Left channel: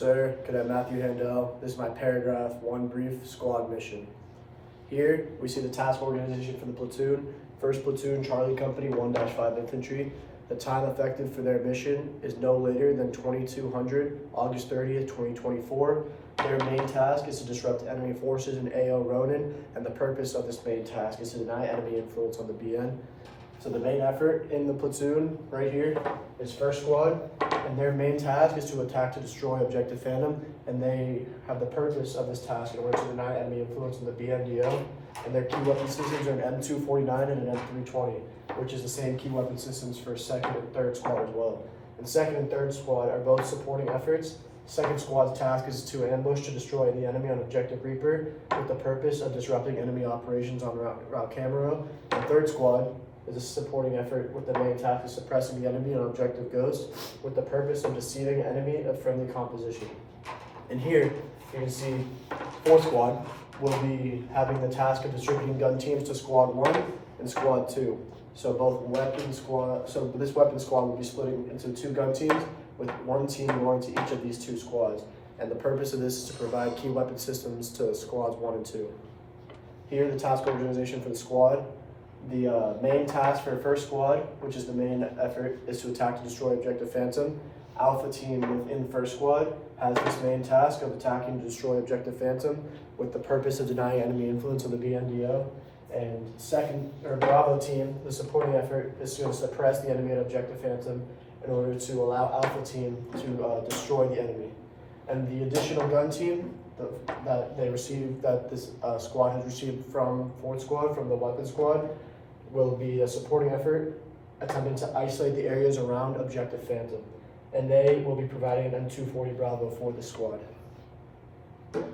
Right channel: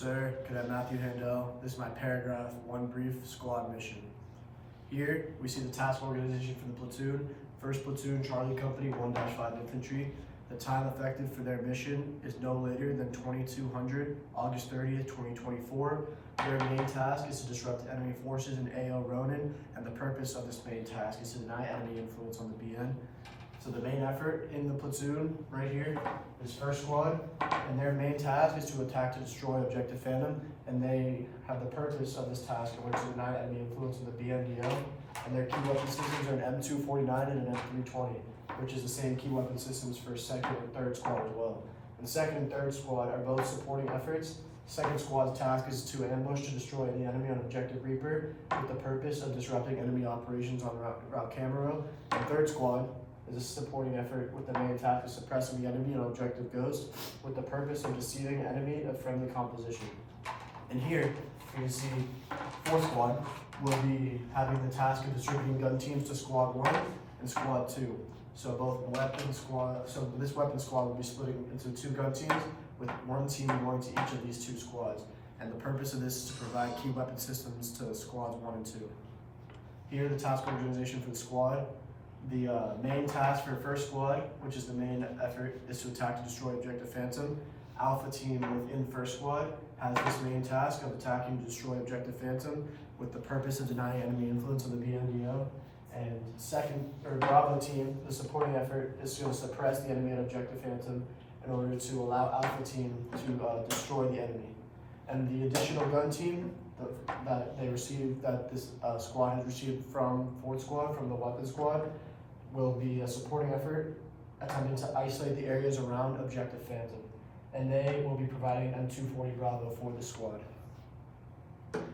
Sir, Cadet Matthew Handel. This is my paragraph 1 brief squad mission. Here, we see the task organization for the platoon. 1st Platoon, Charlie Company, 1-5 Infantry. The time effective for their mission is no later than 2200, August 30th, 2024. Their main task is to disrupt enemy forces in AO Ronin, and the purpose of this main task is to deny enemy influence on the BN. So the main effort in the platoon, right here, is 1st Squad, and their main task is to attack to destroy Objective Phantom, and they have the purpose of this task in order to deny enemy influence on the BNDO, and their key weapon systems are an M249 and an M320, which is the same key weapon systems for 2nd and 3rd Squad as well. And 2nd and 3rd Squad are both supporting efforts. 2nd Squad's task is to ambush to destroy the enemy on Objective Reaper with the purpose of disrupting enemy operations on Route Camaro, and 3rd Squad is a supporting effort with the main task of suppressing the enemy on Objective Ghost with the purpose of deceiving enemy of friendly composition. And here, you can see 4th Squad will be having the task of distributing gun teams to Squad 1 and Squad 2. So this weapon squad will be splitting into 2 gun teams with 1 team belonging to each of these 2 squads. And the purpose of this is to provide key weapon systems to Squads 1 and 2. Here, the task organization for the squad. The main task for 1st Squad, which is the main effort, is to attack to destroy Objective Phantom. Alpha team within 1st Squad has this main task of attacking to destroy Objective Phantom with the purpose of denying enemy influence on the BNDO. And Bravo team, the supporting effort is to suppress the enemy at Objective Phantom in order to allow Alpha team to destroy the enemy. And the additional gun team that this squad has received from 4th Squad, from the weapon squad, will be a supporting effort attempting to isolate the areas around Objective Phantom. And they will be providing an M240 Bravo for the squad.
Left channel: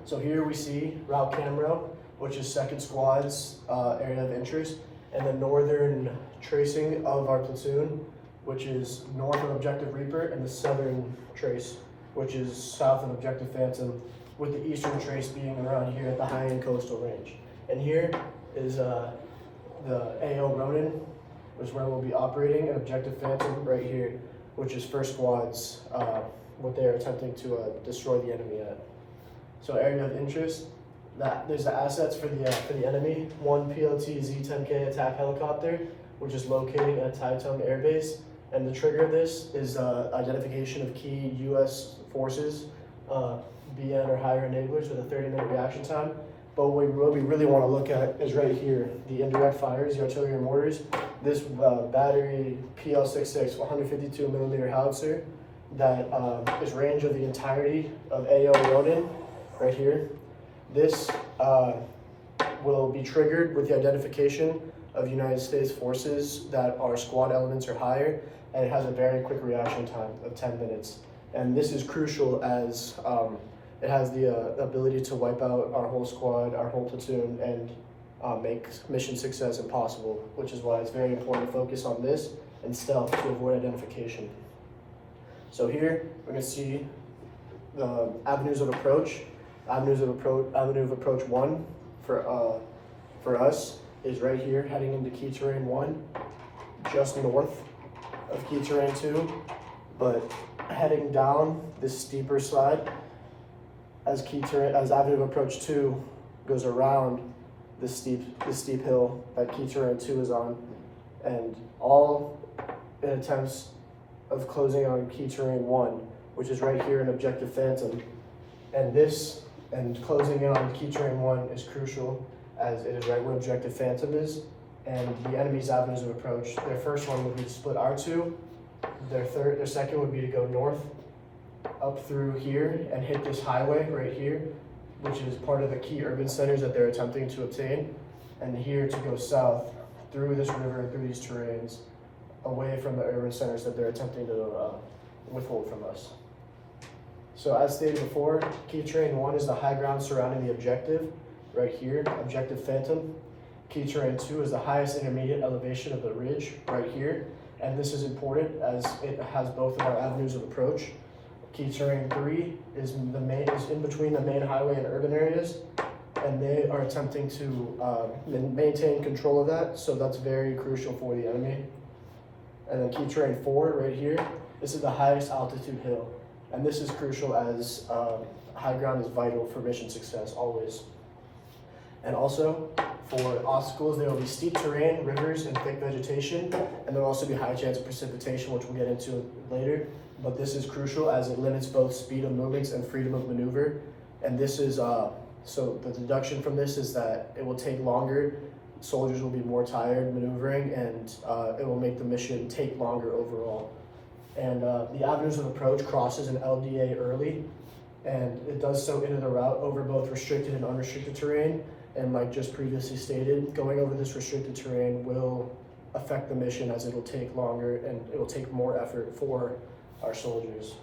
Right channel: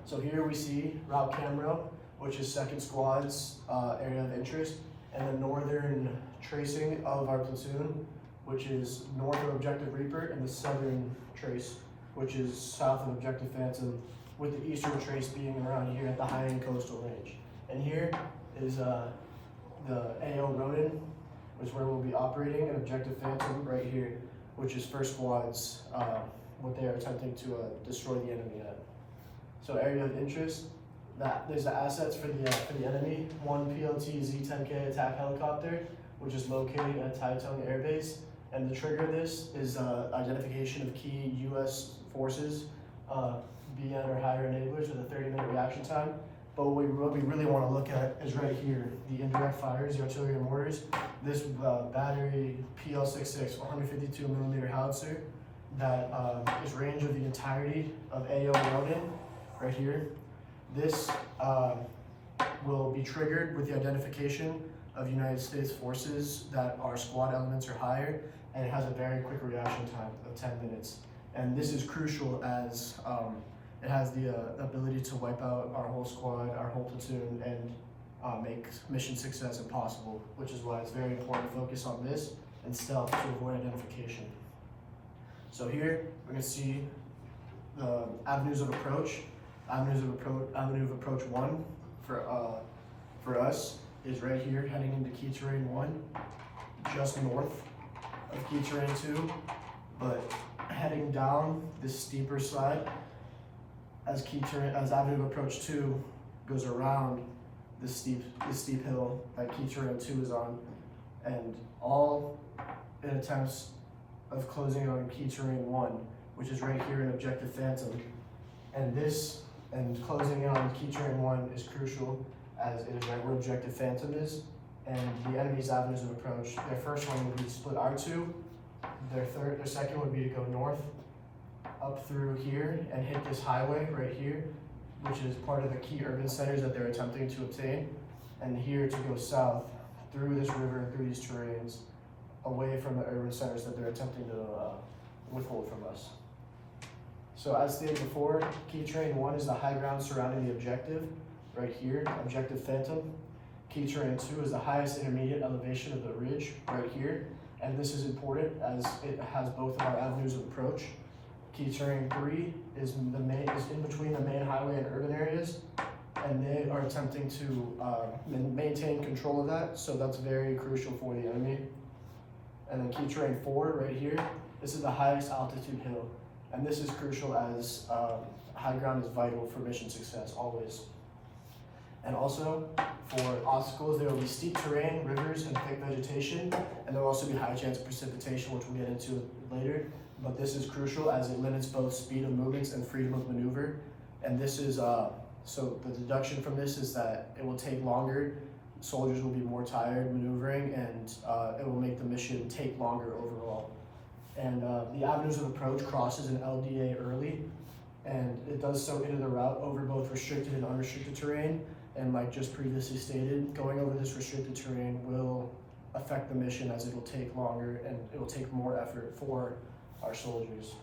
So here we see Route Camaro, which is 2nd Squad's area of interest, and the northern tracing of our platoon, which is north of Objective Reaper, and the southern trace, which is south of Objective Phantom, with the eastern trace being around here at the high-end coastal range. And here is the AO Ronin, which is where we'll be operating, and Objective Phantom right here, which is 1st Squad's, what they're attempting to destroy the enemy at. So area of interest, there's the assets for the enemy. 1 PLT Z-10K attack helicopter, which is located at Taitung Air Base. And the trigger of this is identification of key U.S. forces, BN or higher enablers with a 30-minute reaction time. But what we really want to look at is right here, the indirect fires, the artillery and mortars. This battery PL-66 152mm howitzer that is range of the entirety of AO Ronin, right here. This will be triggered with the identification of United States forces that are squad elements or higher, and it has a very quick reaction time of 10 minutes. And this is crucial as it has the ability to wipe out our whole squad, our whole platoon, and make mission success impossible, which is why it's very important to focus on this and stealth to avoid identification. So here, we're gonna see the avenues of approach. Avenue of approach 1 for us is right here, heading into Key Terrain 1, just north of Key Terrain 2, but heading down this steeper side as Avenue of Approach 2 goes around this steep hill that Key Terrain 2 is on, and all in attempts of closing on Key Terrain 1, which is right here in Objective Phantom. And closing in on Key Terrain 1 is crucial, as it is right where Objective Phantom is, and the enemy's avenues of approach. Their first one would be to split R2. Their second would be to go north up through here and hit this highway right here, which is part of the key urban centers that they're attempting to obtain, and here to go south through this river and through these terrains, away from the urban centers that they're attempting to withhold from us. So as stated before, Key Terrain 1 is the high ground surrounding the objective, right here, Objective Phantom. Key Terrain 2 is the highest intermediate elevation of the ridge, right here, and this is important as it has both of our avenues of approach. Key Terrain 3 is in between the main highway and urban areas, and they are attempting to maintain control of that, so that's very crucial for the enemy. And then Key Terrain 4 right here, this is the highest altitude hill. And this is crucial as high ground is vital for mission success always. And also, for obstacles, there will be steep terrain, rivers, and thick vegetation, and there will also be high chance of precipitation, which we'll get into later. But this is crucial as it limits both speed of movements and freedom of maneuver. And this is, so the deduction from this is that it will take longer, soldiers will be more tired maneuvering, and it will make the mission take longer overall. And the avenues of approach crosses an LDA early, and it does so into the route over both restricted and unrestricted terrain. And like just previously stated, going over this restricted terrain will affect the mission as it will take longer and it will take more effort for our soldiers.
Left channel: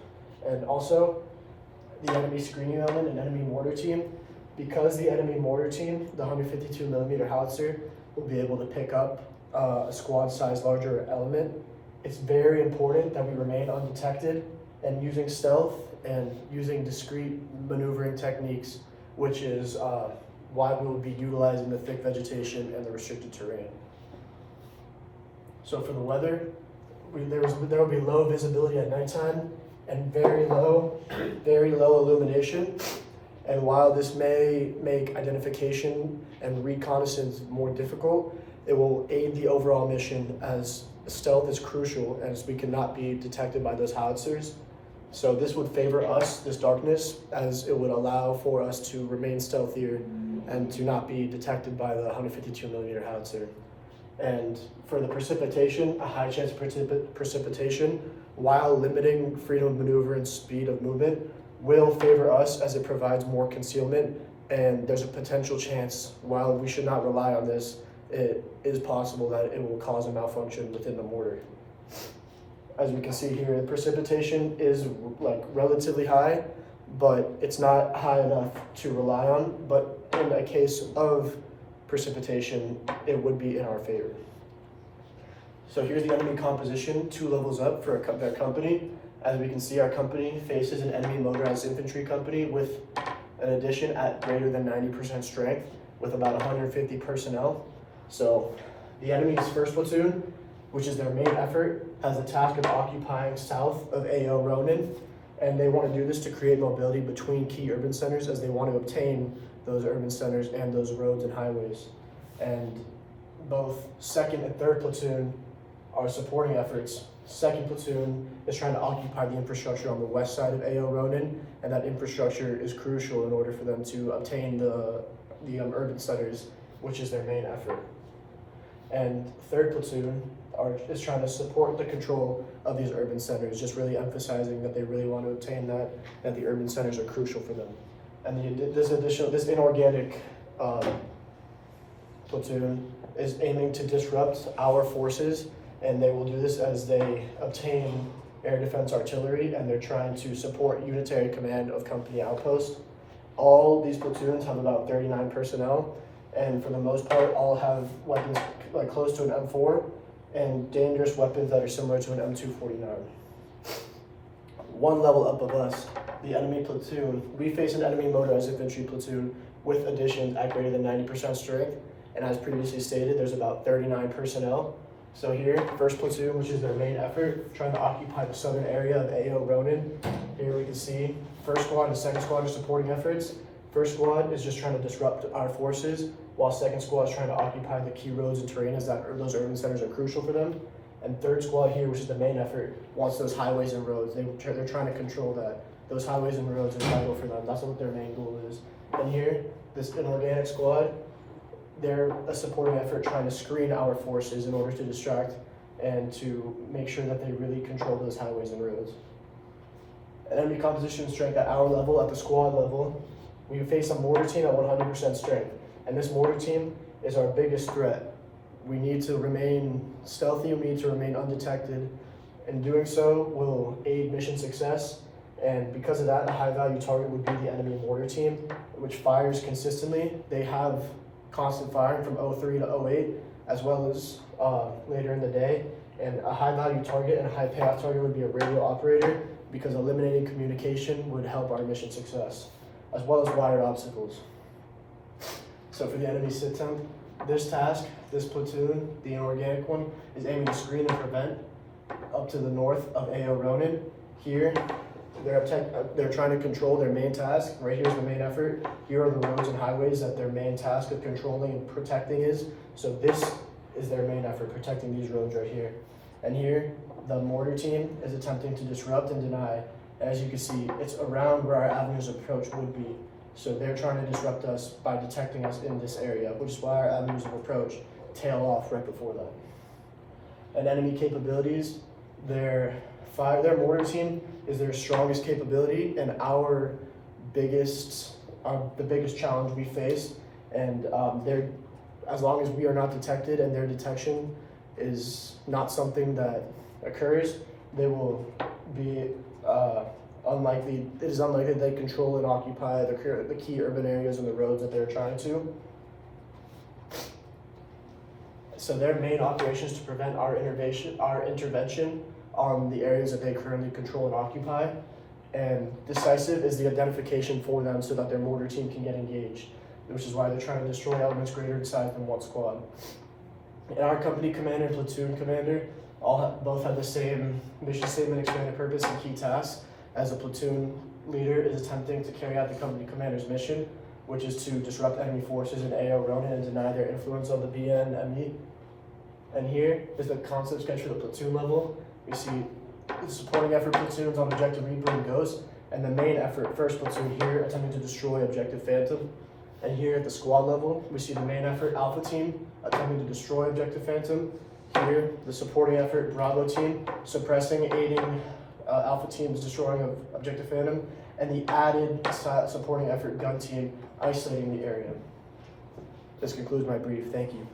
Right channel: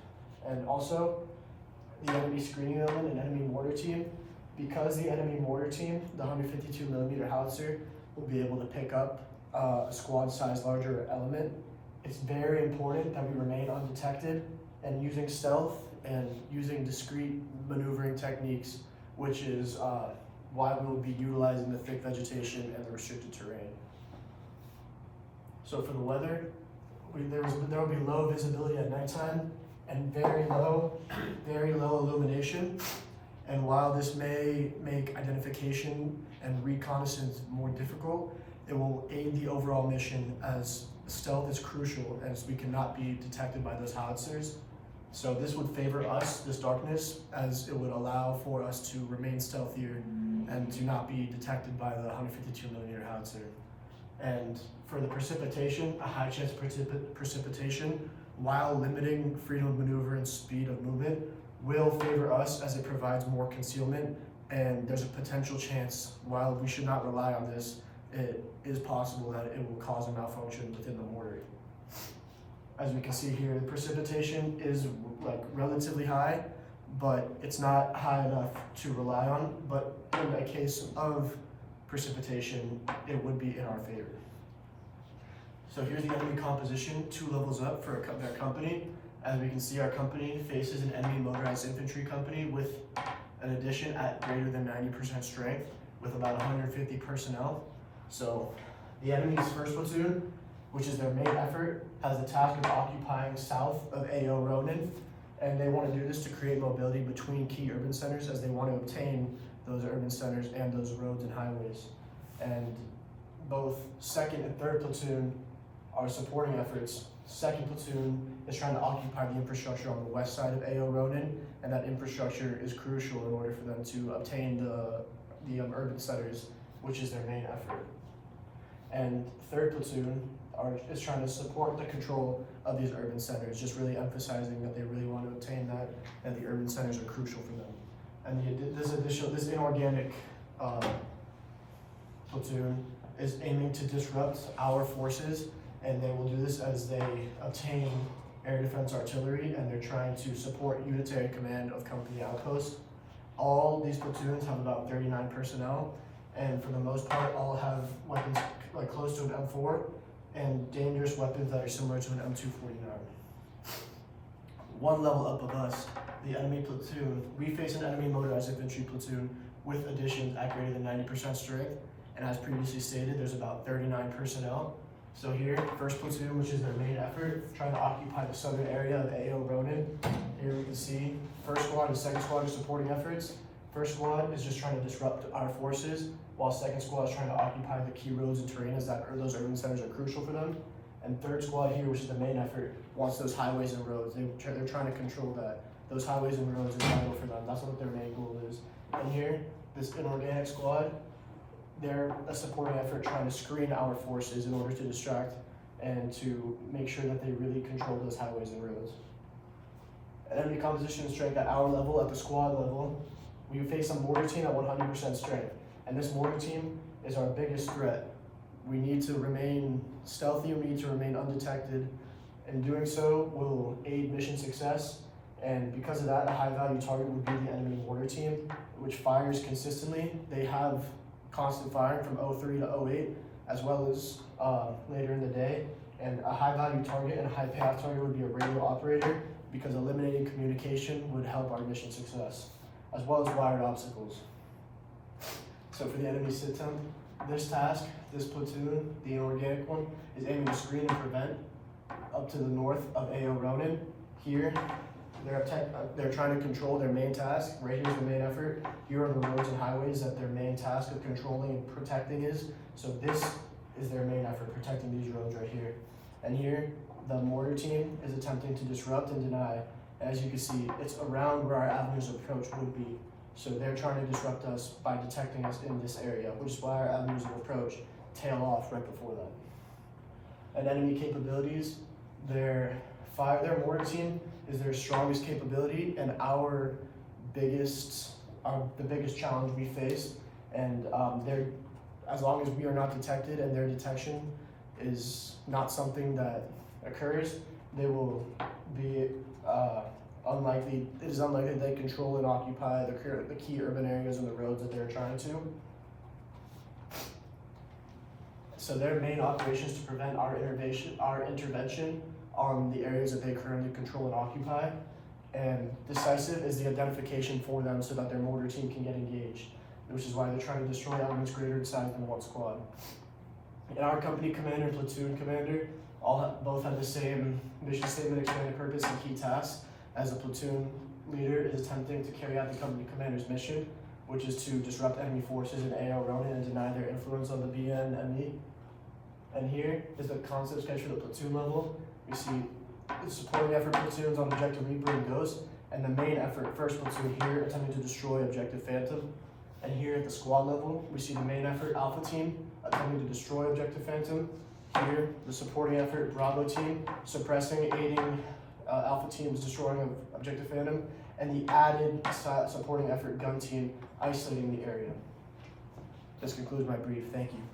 And also, the enemy screening element and enemy mortar team, because the enemy mortar team, the 152 millimeter howitzer, will be able to pick up a squad size larger element, it's very important that we remain undetected and using stealth and using discrete maneuvering techniques, which is why we will be utilizing the thick vegetation and the restricted terrain. So for the weather, there will be low visibility at nighttime and very low illumination. And while this may make identification and reconnaissance more difficult, it will aid the overall mission as stealth is crucial as we cannot be detected by those howitzers. So this would favor us, this darkness, as it would allow for us to remain stealthier and to not be detected by the 152 millimeter howitzer. And for the precipitation, a high chance of precipitation, while limiting freedom of maneuver and speed of movement, will favor us as it provides more concealment, and there's a potential chance, while we should not rely on this, it is possible that it will cause a malfunction within the mortar. As we can see here, the precipitation is like relatively high, but it's not high enough to rely on. But in a case of precipitation, it would be in our favor. So here's the enemy composition, 2 levels up for their company. As we can see, our company faces an enemy motorized infantry company with an addition at greater than 90% strength with about 150 personnel. So the enemy's first platoon, which is their main effort, has the task of occupying south of AO Ronin, and they want to do this to create mobility between key urban centers as they want to obtain those urban centers and those roads and highways. And both 2nd and 3rd platoon are supporting efforts. 2nd platoon is trying to occupy the infrastructure on the west side of AO Ronin, and that infrastructure is crucial in order for them to obtain the urban centers, which is their main effort. And 3rd platoon is trying to support the control of these urban centers, just really emphasizing that they really want to obtain that the urban centers are crucial for them. And this inorganic platoon is aiming to disrupt our forces, and they will do this as they obtain air defense artillery, and they're trying to support unitary command of company outposts. All these platoons have about 39 personnel, and for the most part, all have weapons like close to an M4 and dangerous weapons that are similar to an M249. 1 level up of us, the enemy platoon, we face an enemy motorized infantry platoon with additions at greater than 90% strength, and as previously stated, there's about 39 personnel. So here, 1st platoon, which is their main effort, trying to occupy the southern area of AO Ronin. Here we can see 1st squad and 2nd squad are supporting efforts. 1st squad is just trying to disrupt our forces, while 2nd squad is trying to occupy the key roads and terrain as those urban centers are crucial for them. And 3rd squad here, which is the main effort, wants those highways and roads. They're trying to control that. Those highways and roads are vital for them. That's what their main goal is. And here, this inorganic squad, they're a supporting effort trying to screen our forces in order to distract and to make sure that they really control those highways and roads. Enemy composition strength at our level, at the squad level, we face a mortar team at 100% strength. And this mortar team is our biggest threat. We need to remain stealthy, we need to remain undetected. In doing so will aid mission success. And because of that, a high value target would be the enemy mortar team, which fires consistently. They have constant firing from 03 to 08, as well as later in the day. And a high value target and a high payoff target would be a radio operator, because eliminating communication would help our mission success, as well as wired obstacles. So for the enemy sit temp, this task, this platoon, the inorganic one, is aiming to screen and prevent up to the north of AO Ronin. Here, they're trying to control their main task. Right here is the main effort. Here are the roads and highways that their main task of controlling and protecting is. So this is their main effort, protecting these roads right here. And here, the mortar team is attempting to disrupt and deny. As you can see, it's around where our avenues of approach would be. So they're trying to disrupt us by detecting us in this area, which is why our avenues of approach tail off right before that. And enemy capabilities, their mortar team is their strongest capability and the biggest challenge we face. And as long as we are not detected and their detection is not something that occurs, they will be unlikely. It is unlikely they control and occupy the key urban areas and the roads that they're trying to. So their main operations to prevent our intervention on the areas that they currently control and occupy. And decisive is the identification for them so that their mortar team can get engaged, which is why they're trying to destroy elements greater in size than one squad. And our company commander and platoon commander both have the same mission statement, expanded purpose, and key tasks, as a platoon leader is attempting to carry out the company commander's mission, which is to disrupt enemy forces in AO Ronin and deny their influence on the BNME. And here is the concept sketch for the platoon level. We see the supporting effort platoons on objective Reaper and Ghost, and the main effort first platoon here attempting to destroy objective Phantom. And here at the squad level, we see the main effort Alpha team attempting to destroy objective Phantom. Here, the supporting effort Bravo team suppressing, aiding Alpha team is destroying objective Phantom, and the added supporting effort Gun team isolating the area. This concludes my brief. Thank you.